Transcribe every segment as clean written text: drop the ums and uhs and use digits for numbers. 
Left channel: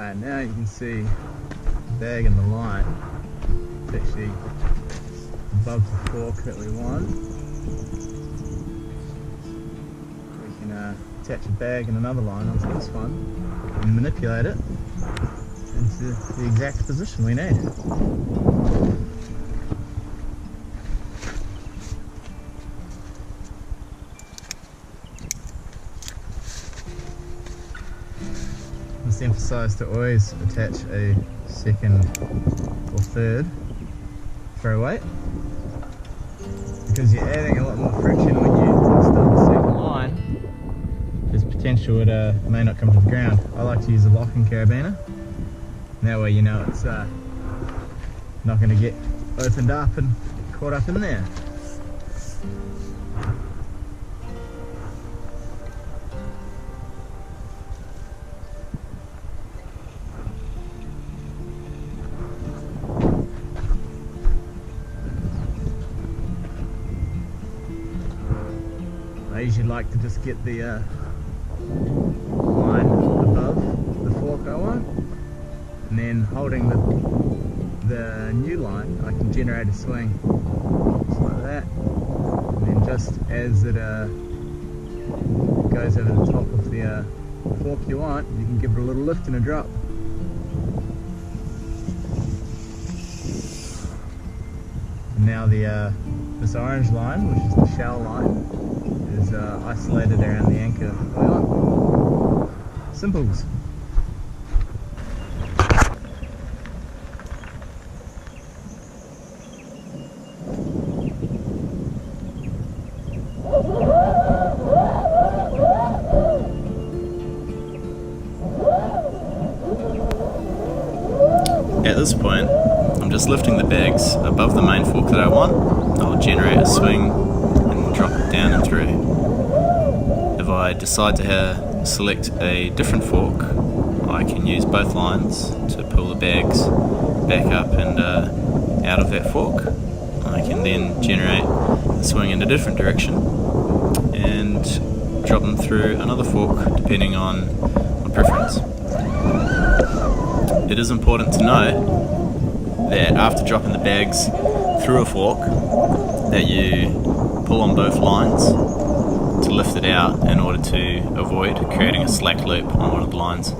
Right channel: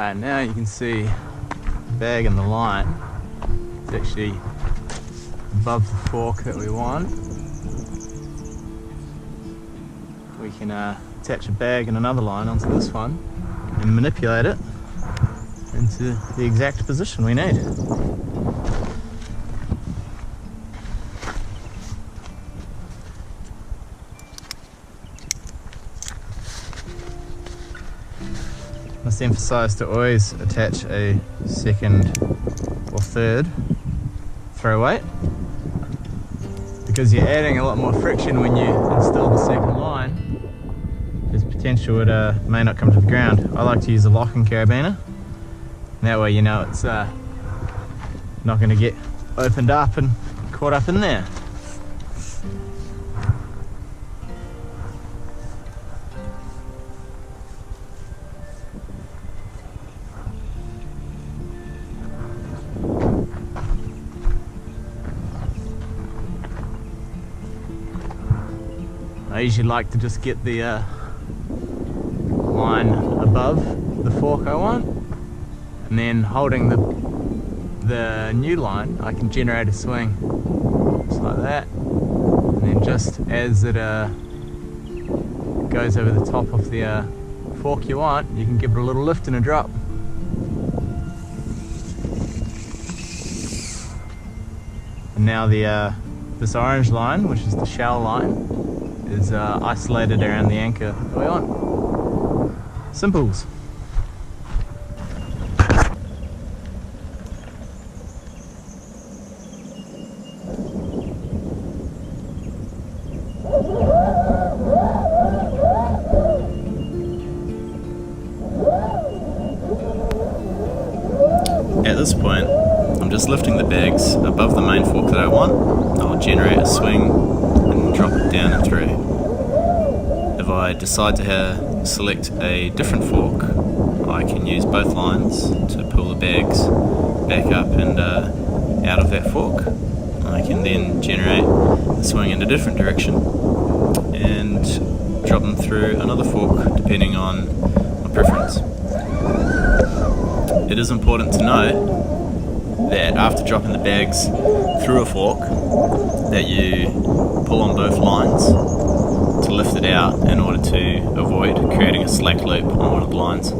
Alright, now you can see the bag and the line. It's actually above the fork that we want. We can attach a bag and another line onto this one and manipulate it into the exact position we need. I must emphasise to always attach a second or third throw weight, because you're adding a lot more friction when you install the second line. There's potential it may not come to the ground. I like to use a locking carabiner, and that way you know it's not going to get opened up and caught up in there. I usually like to just get the line above the fork I want, and then holding the new line I can generate a swing just like that, and then just as it goes over the top of the fork you want, you can give it a little lift and a drop. And now this orange line, which is the shell line, is isolated around the anchor that we want. Simples. At this point, I'm just lifting the bags above the main fork that I want. I'll generate a swing and drop it down and through. If I decide to select a different fork, I can use both lines to pull the bags back up and out of that fork. I can then generate the swing in a different direction and drop them through another fork depending on my preference. It is important to note that after dropping the bags through a fork, that you pull on both lines to lift it out in order to avoid creating a slack loop on one of the lines.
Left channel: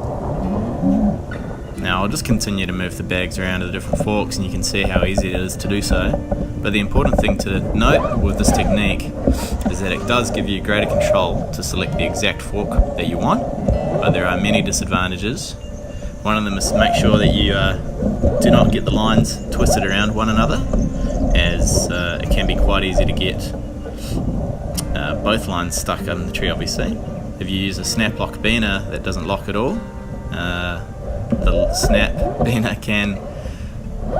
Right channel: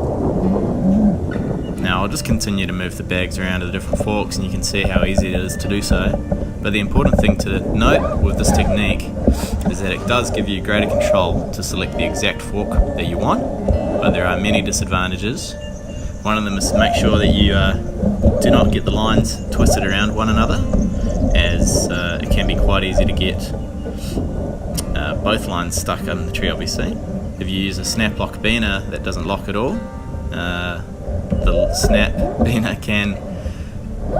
Now I'll just continue to move the bags around to the different forks, and you can see how easy it is to do so. But the important thing to note with this technique is that it does give you greater control to select the exact fork that you want, but there are many disadvantages. One of them is to make sure that you do not get the lines twisted around one another, as it can be quite easy to get both lines stuck in the tree obviously. If you use a snap lock biner that doesn't lock at all, the snap biner can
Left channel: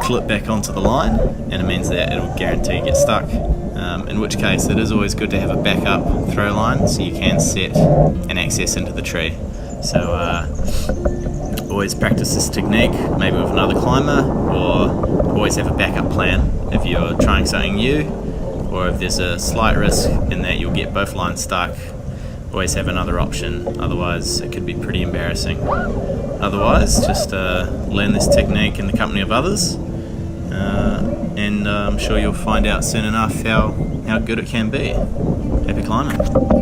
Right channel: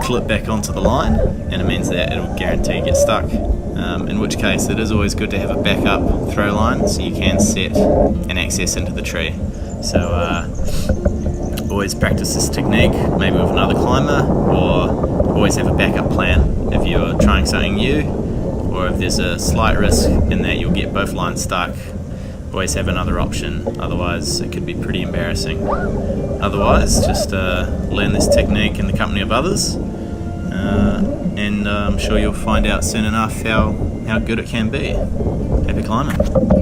clip back onto the line, and it means that it'll guarantee get stuck. In which case it is always good to have a backup throw line so you can set an access into the tree. So always practice this technique, maybe with another climber, or always have a backup plan if you're trying something new, or if there's a slight risk in that you'll get both lines stuck. Always have another option, otherwise it could be pretty embarrassing. Otherwise, just learn this technique in the company of others, and I'm sure you'll find out soon enough how good it can be. Happy climbing.